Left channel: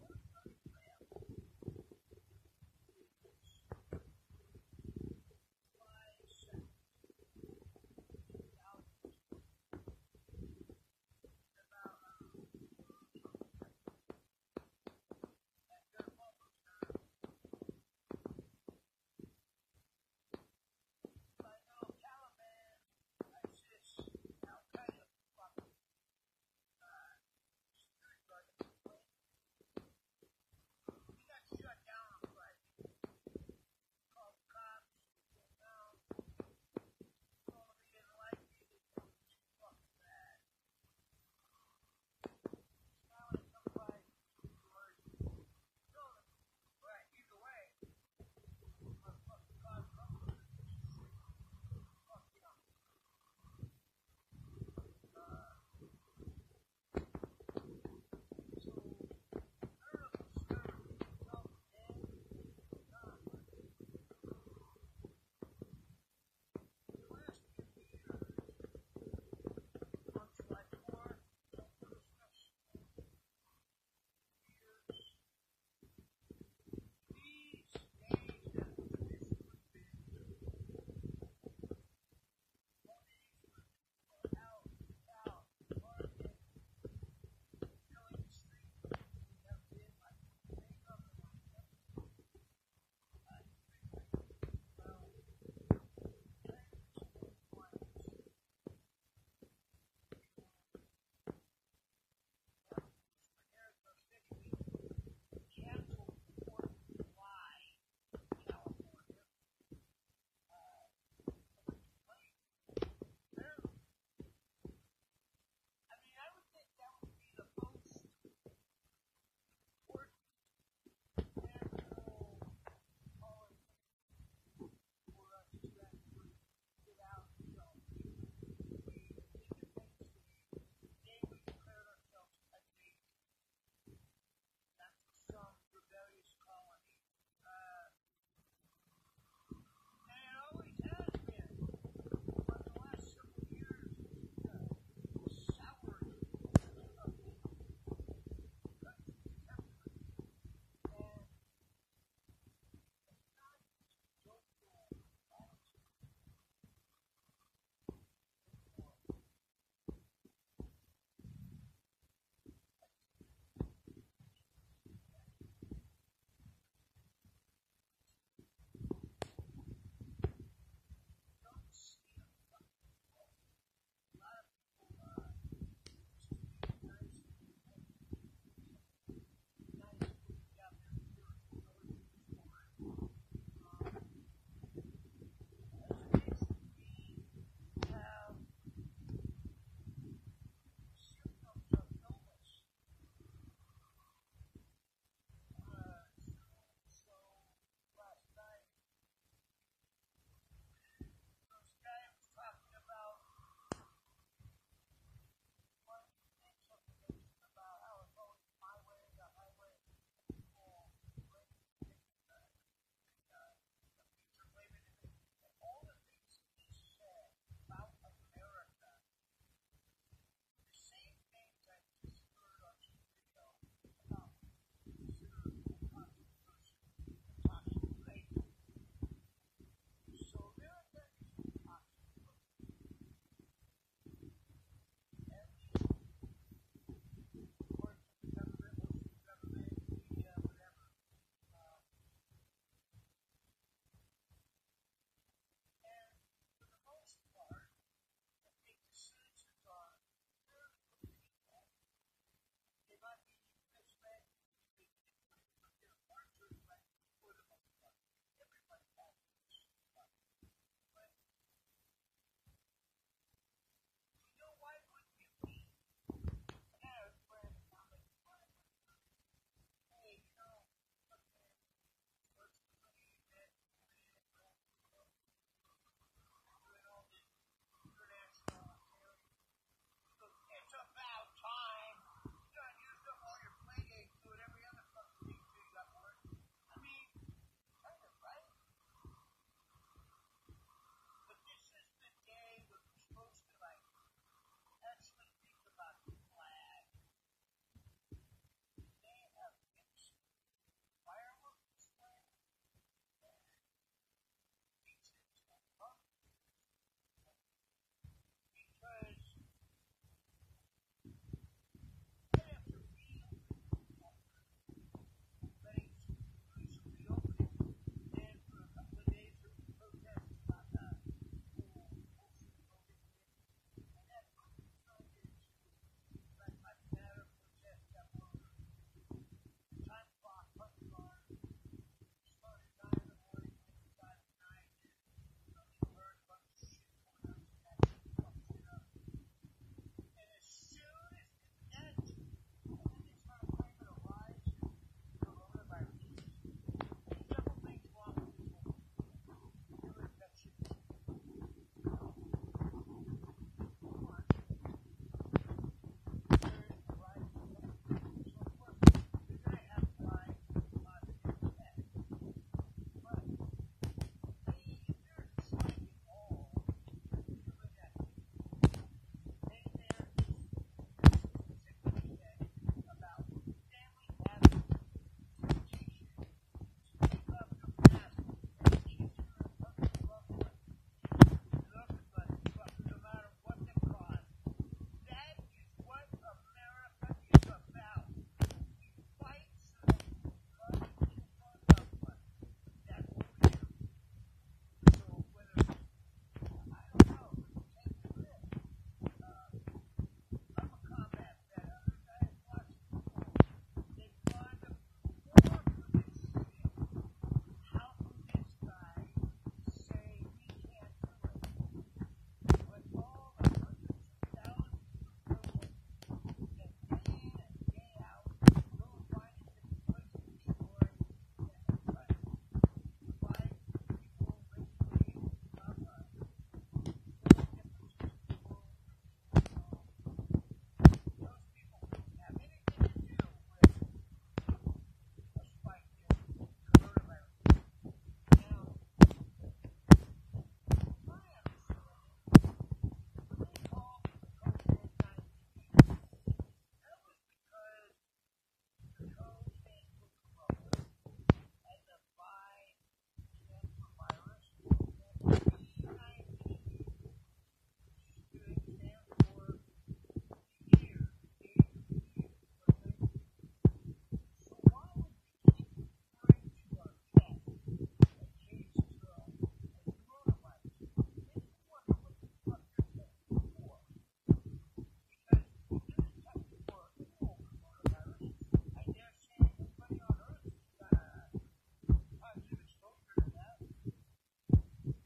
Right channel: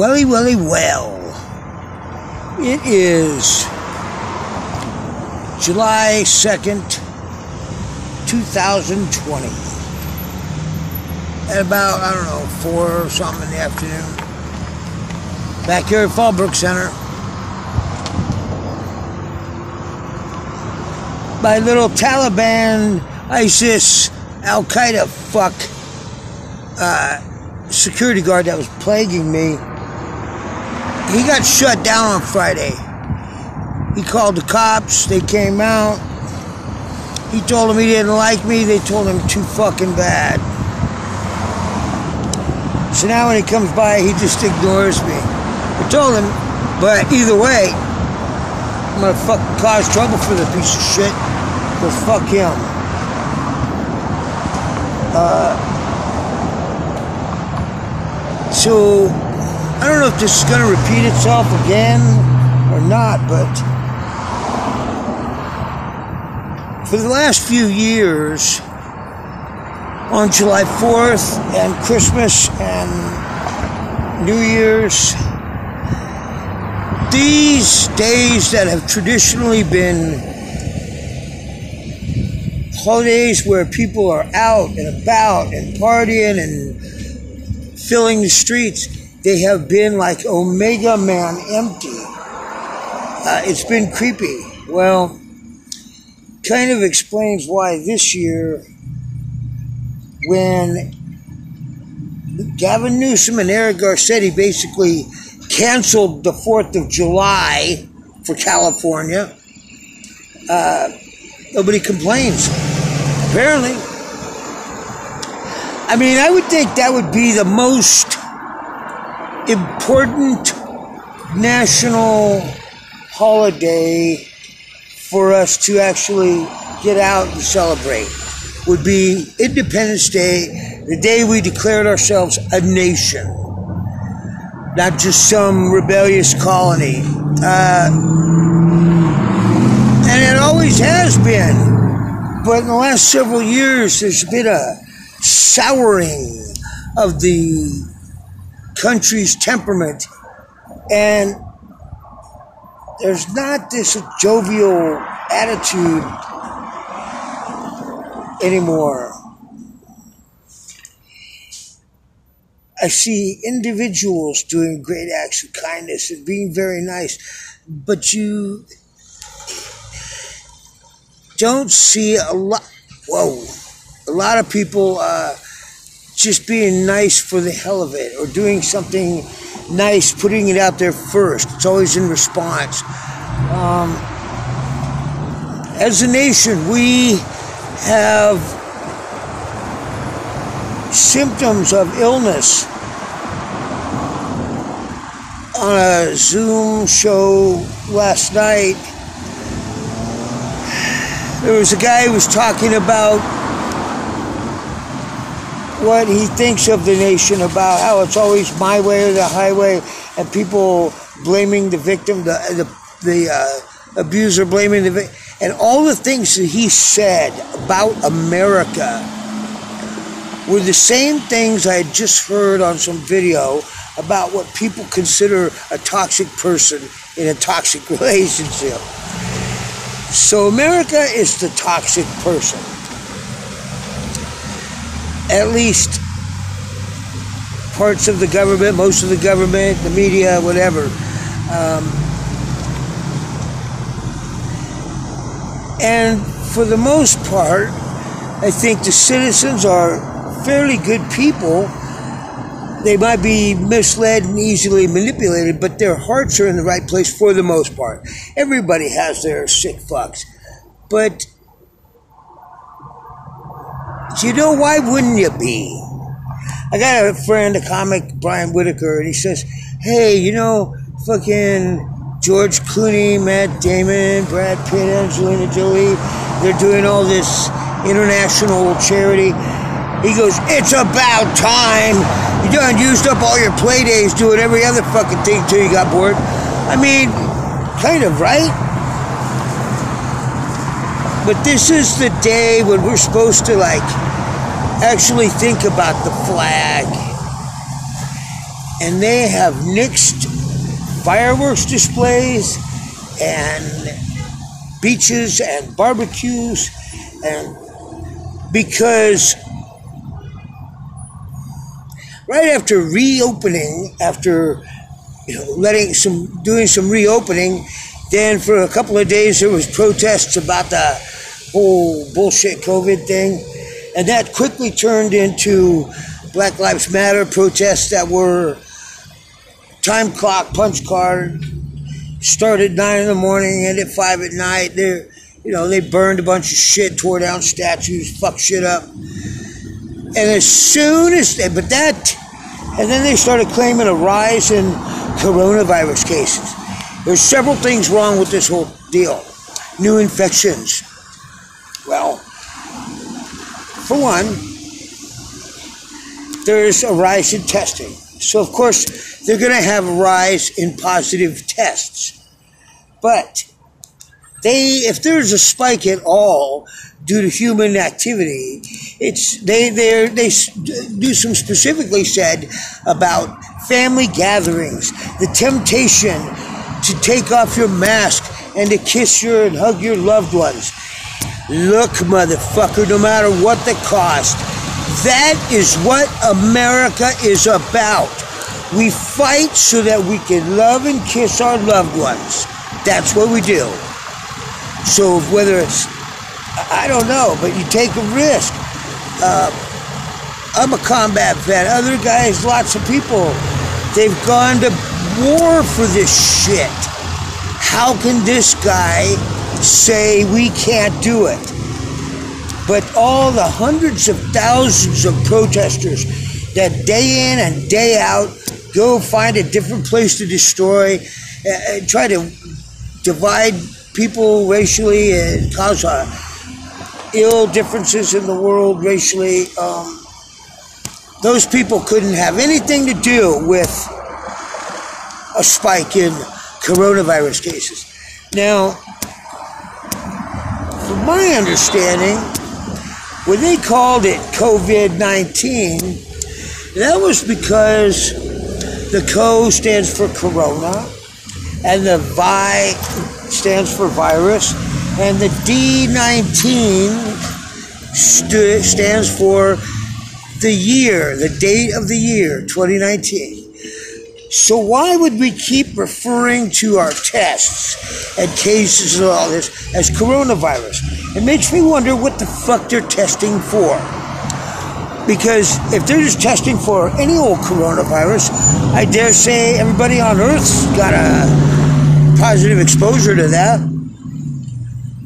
Well. It is July 2nd, 2020. At about, 4 or something in the afternoon. Back here at Fallbrook Center. My little Taliban, ISIS, Al-Qaeda security guard that was plaguing me, he got shut down on Friday. He called the cops, they came out. He told them he didn't like me, they told him too fucking bad. So now when he comes by, he just ignores me. I told him, but either way, I'm gonna fucking cause trouble for the piece of shit. Because fuck him. So, I don't know if this is gonna repeat itself again or not, but for the last few years, on July 4th and Christmas and New Year's, these days that have traditionally been holidays where people are out and about and partying and filling the streets, they have been like Omega Man empty. It's been creepy. Well, kind of explains why this year, when Gavin Newsom and Eric Garcetti basically canceled the 4th of July for California, nobody complains. Apparently. I mean, I would think that would be the most important national holiday for us to actually get out and celebrate. Would be Independence Day, the day we declared ourselves a nation, not just some rebellious colony. And it always has been. But in the last several years, there's been a souring of the country's temperament. And there's not this jovial attitude anymore. I see individuals doing great acts of kindness and being very nice, but you don't see a lot of people just being nice for the hell of it, or doing something nice, putting it out there first. It's always in response. As a nation, we have symptoms of illness. On a Zoom show last night, there was a guy who was talking about what he thinks of the nation, about how it's always my way or the highway, and people blaming the victim, the abuser blaming the victim, and all the things that he said about America were the same things I had just heard on some video about what people consider a toxic person in a toxic relationship. So America is the toxic person. At least parts of the government, most of the government, the media, whatever. And for the most part, I think the citizens are fairly good people. They might be misled and easily manipulated, but their hearts are in the right place for the most part. Everybody has their sick fucks. But, you know, why wouldn't you be? I got a friend, a comic, Brian Whitaker, and he says, hey, you know, fucking George Clooney, Matt Damon, Brad Pitt, Angelina Jolie, they're doing all this international charity. He goes, it's about time. You done used up all your play days doing every other fucking thing till you got bored. I mean, kind of, right? But this is the day when we're supposed to, like, actually think about the flag and they have nixed fireworks displays and beaches and barbecues, and because right after reopening, after doing some reopening, then for a couple of days there was protests about the whole bullshit COVID thing, and that quickly turned into Black Lives Matter protests that were time clock, punch card, started 9 in the morning, ended at 5 at night. They burned a bunch of shit, tore down statues, fucked shit up. And as soon as and then they started claiming a rise in coronavirus cases. There's several things wrong with this whole deal. New infections. Well, for one, there's a rise in testing. So, of course, they're going to have a rise in positive tests. But if there's a spike at all due to human activity, they do some specifically said about family gatherings, the temptation to take off your mask and to kiss and hug your loved ones. Look, motherfucker, no matter what the cost, that is what America is about. We fight so that we can love and kiss our loved ones. That's what we do. So whether it's, I don't know, but you take a risk. I'm a combat vet. Other guys, lots of people, they've gone to war for this shit. How can this guy say we can't do it? But all the hundreds of thousands of protesters that day in and day out go find a different place to destroy, try to divide people racially and cause ill differences in the world racially, those people couldn't have anything to do with a spike in coronavirus cases. Now, from my understanding, when they called it COVID-19, that was because the CO stands for corona, and the VI stands for virus, and the D19 stands for the year, the date of the year, 2019. So why would we keep referring to our tests and cases and all this as coronavirus? It makes me wonder what the fuck they're testing for. Because if they're just testing for any old coronavirus, I dare say everybody on Earth's got a positive exposure to that.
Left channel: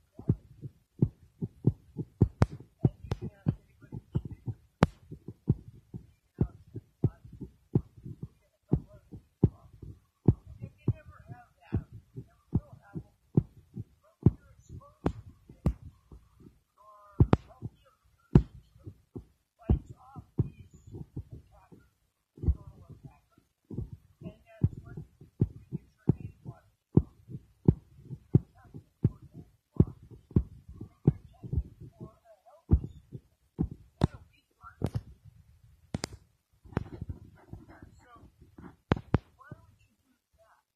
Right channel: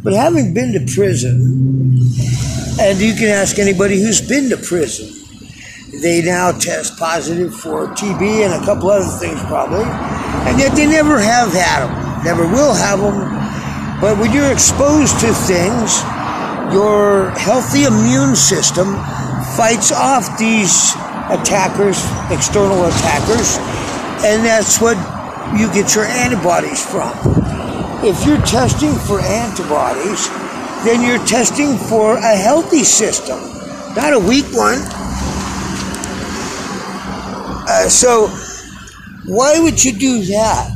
But having been to prison, and you can ask anybody who's been to prison, they now test positive for TB and a couple other things probably, and yet they never have had them, never will have them. But when you're exposed to things, your healthy immune system fights off these attackers, external attackers, and that's what you get your antibodies from. If you're testing for antibodies, then you're testing for a healthy system, not a weak one. So why would you do that?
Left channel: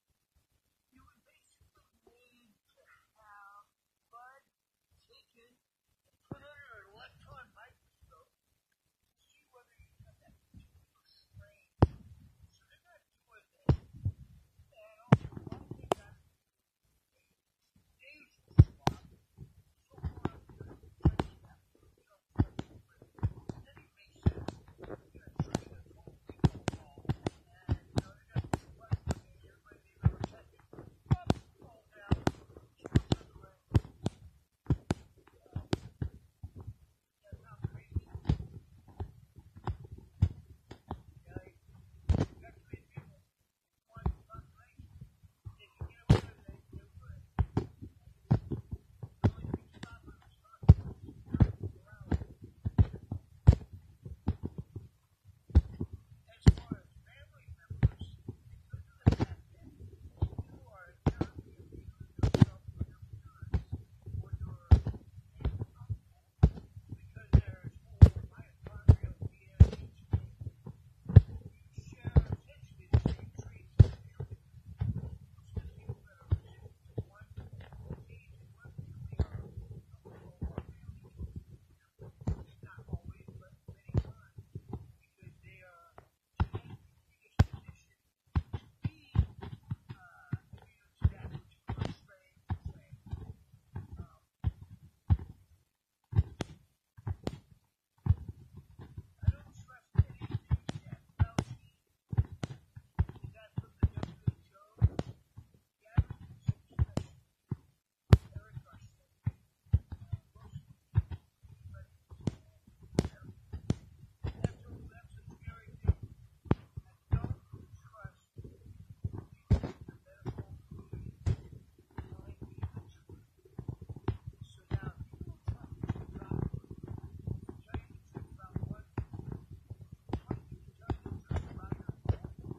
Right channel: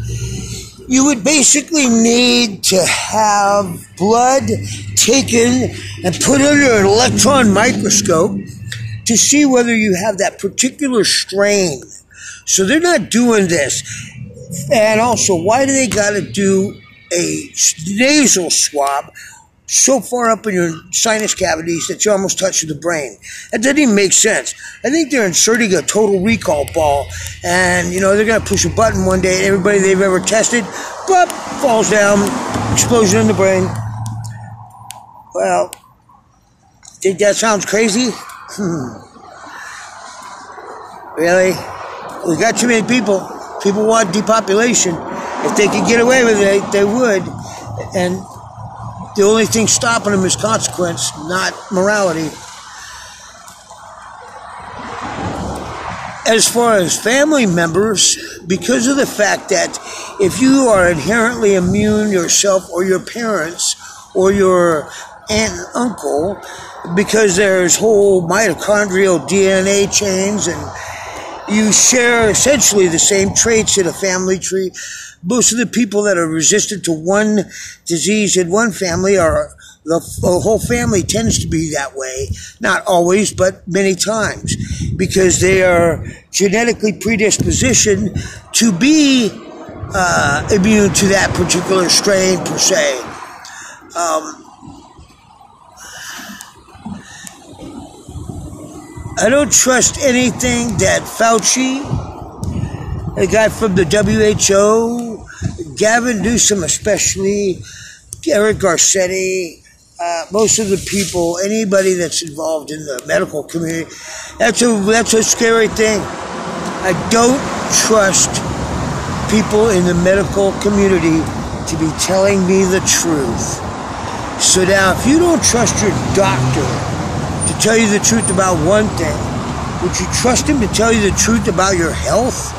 You would basically need to have blood taken and put under an electron microscope to see whether you have that particular strain. So they're not doing this. And also, why do they got to do a nasal swab so far up in your sinus cavities that you almost touch the brain? That doesn't even make sense. I think they're inserting a total recall ball, and they're going to push a button one day and everybody they've ever tested, bop, falls down, explosion in the brain. Well, think that sounds crazy? Really? We got too many people. People want depopulation. If they could get away with it, they would. And the only thing stopping them is consequence, not morality. As far as family members, because of the fact that if you are inherently immune yourself or your parents or your aunt and uncle, because there's whole mitochondrial DNA chains and you share essentially the same traits in a family tree. Most of the people that are resistant to one disease in one family are the whole family tends to be that way. Not always, but many times, because they are genetically predispositioned to be immune to that particular strain per se. I don't trust anything that Fauci, a guy from the WHO, Gavin Newsom especially, Eric Garcetti, most of the people, anybody that's involved in the medical community, that's a scary thing. I don't trust people in the medical community to be telling me the truth. So now, if you don't trust your doctor to tell you the truth about one thing, would you trust him to tell you the truth about your health?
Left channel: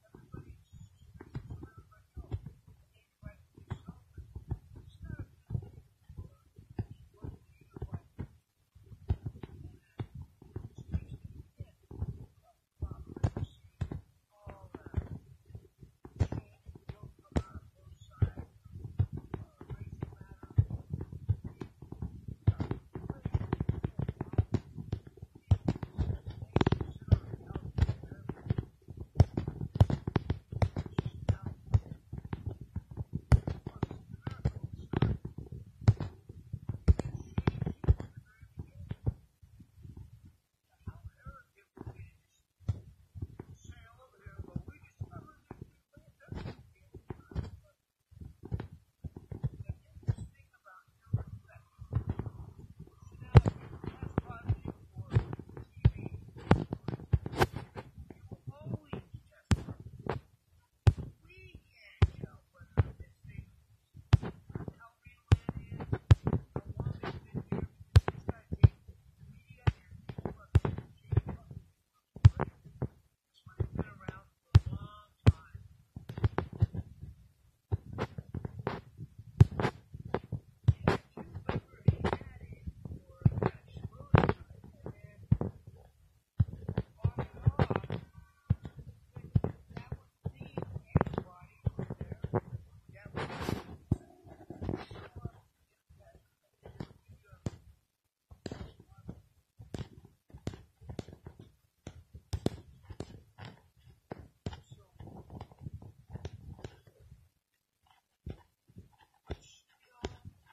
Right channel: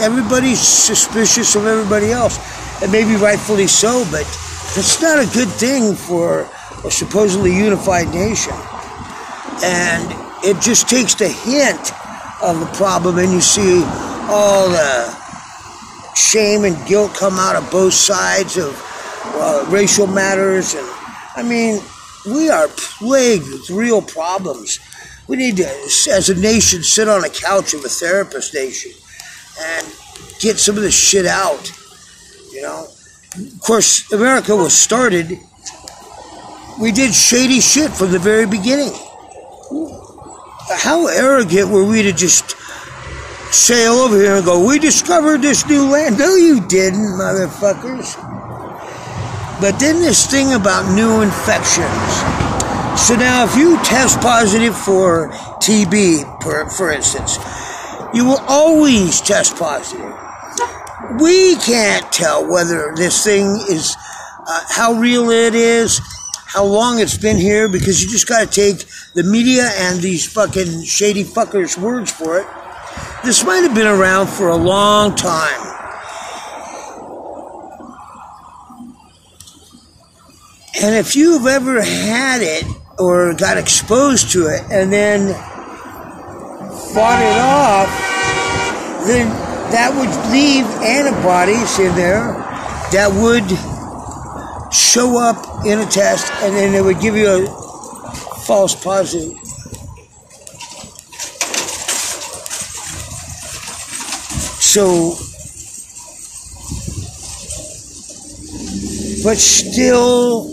Everybody's suspicious of everybody else, and maybe rightfully so, but that's not a good thing for a supposedly unified nation. And it just takes the hint of the problem, and you see all the shame and guilt come out of both sides of racial matters. And I mean, we are plagued with real problems. We need to, as a nation, sit on a couch of a therapist nation and get some of this shit out, you know. Of course, America was started, we did shady shit from the very beginning. How arrogant were we to just sail over here and go, we discovered this new land? No, you didn't, motherfuckers. But then this thing about new infections. So now if you test positive for TB, for instance, you will always test positive. We can't tell whether this thing is, how real it is, how long it's been here, because you just got to take the media and these fucking shady fuckers' words for it. This might have been around for a long time. And if you've ever had it or got exposed to it and then fought it off, then that would leave antibodies in there that would show up in a test, and then it would give you a false positive. So, but still,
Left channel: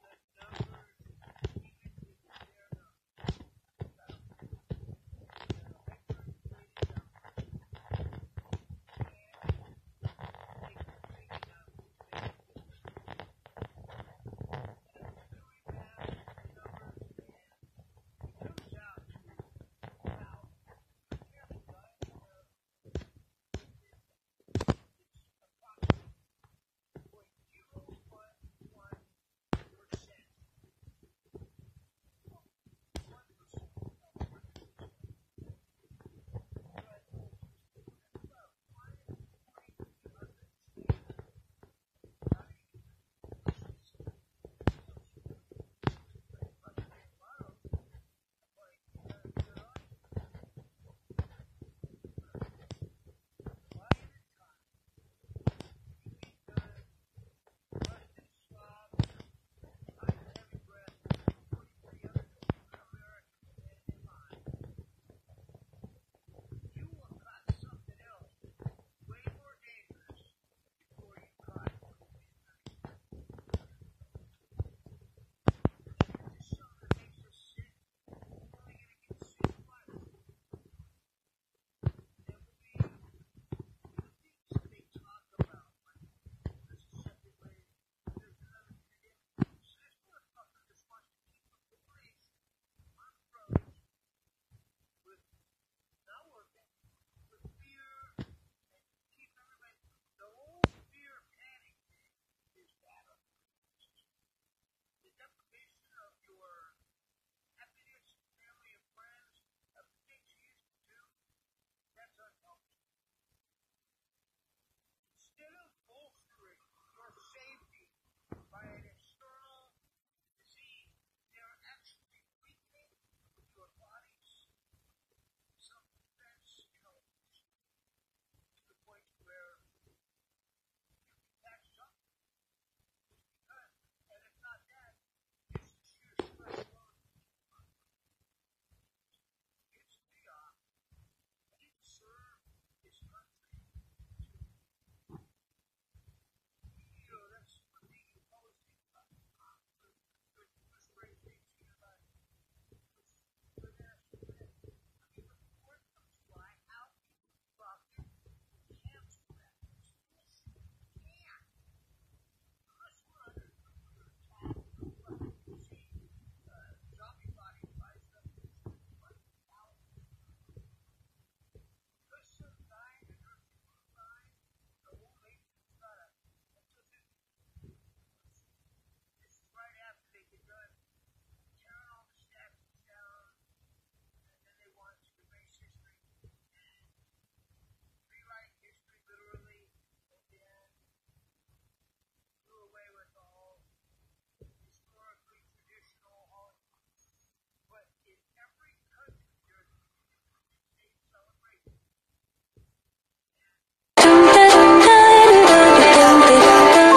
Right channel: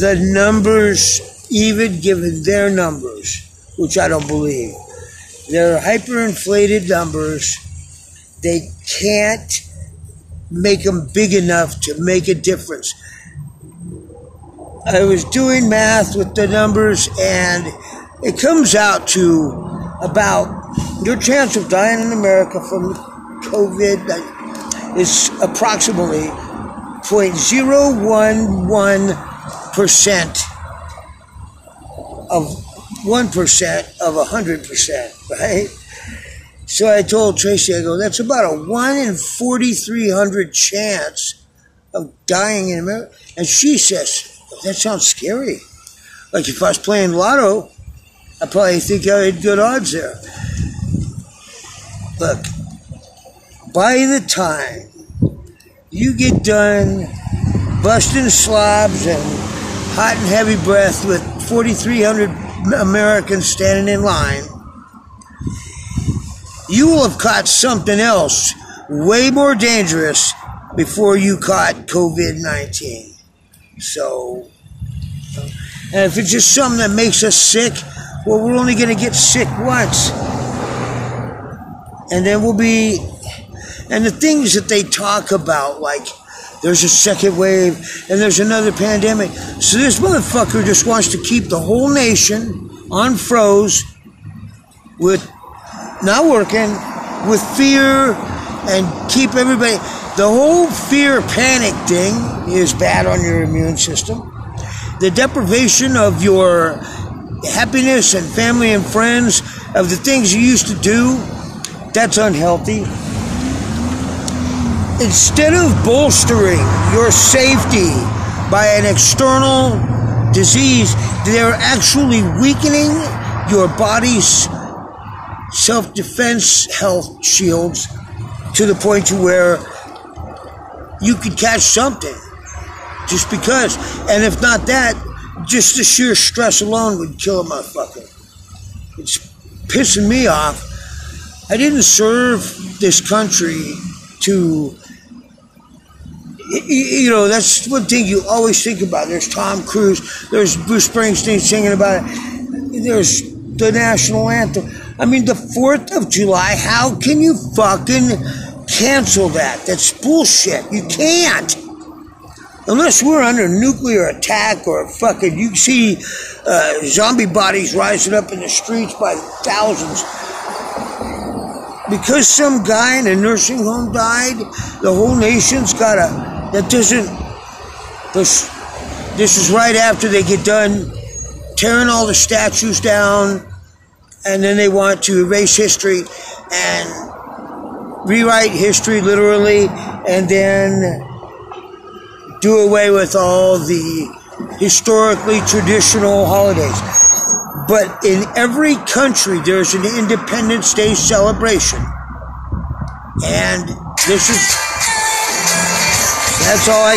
the numbers, even given their numbers, which I don't believe, they're hyperinflated numbers. They can't make them big enough to make a difference. I was doing math with the numbers, and it comes out to about your chance of dying in America from COVID is approximately 0.011% of 1% of 100%, right? So I told Tracy, I go, that's about a 1 in 4,300 chance of dying in America. And she says, that sounds scary. Like if I was playing lotto, I probably think I had good odds there. Look, by the time you get done busting slobs and hot and heavy breath with 4,300 Americans standing in line, you will have caught something else way more dangerous before you caught COVID-19. So, and if it's just something that makes us sick, well, we're only going to get sick once. And then we'll be, and the things that they talk about, like there's a second wave and there's another pandemic. So this motherfucker just wants to keep the whole nation on froze with not working, with fear, and keep everybody. The whole fear panic thing is bad on your immune system. The deprivation of your happiness and family and friends, of the things you used to do, that's unhealthy. Instead of bolstering your safety by an external disease, they're actually weakening your body's self-defense health shields to the point to where you could catch something just because. And if not that, just the sheer stress alone would kill a motherfucker. It's pissing me off. I didn't serve this country to, you know, that's one thing you always think about. There's Tom Cruise, there's Bruce Springsteen singing about it, there's the national anthem. I mean, the 4th of July, how can you fucking cancel that? That's bullshit. You can't. Unless we're under nuclear attack or fucking, you see zombie bodies rising up in the streets by thousands. Because some guy in a nursing home died, the whole nation's gotta, that doesn't, this is right after they get done tearing all the statues down, and then they want to erase history and rewrite history literally, and then do away with all the historically traditional holidays. But in every country, there's an Independence Day celebration. And this is, that's all I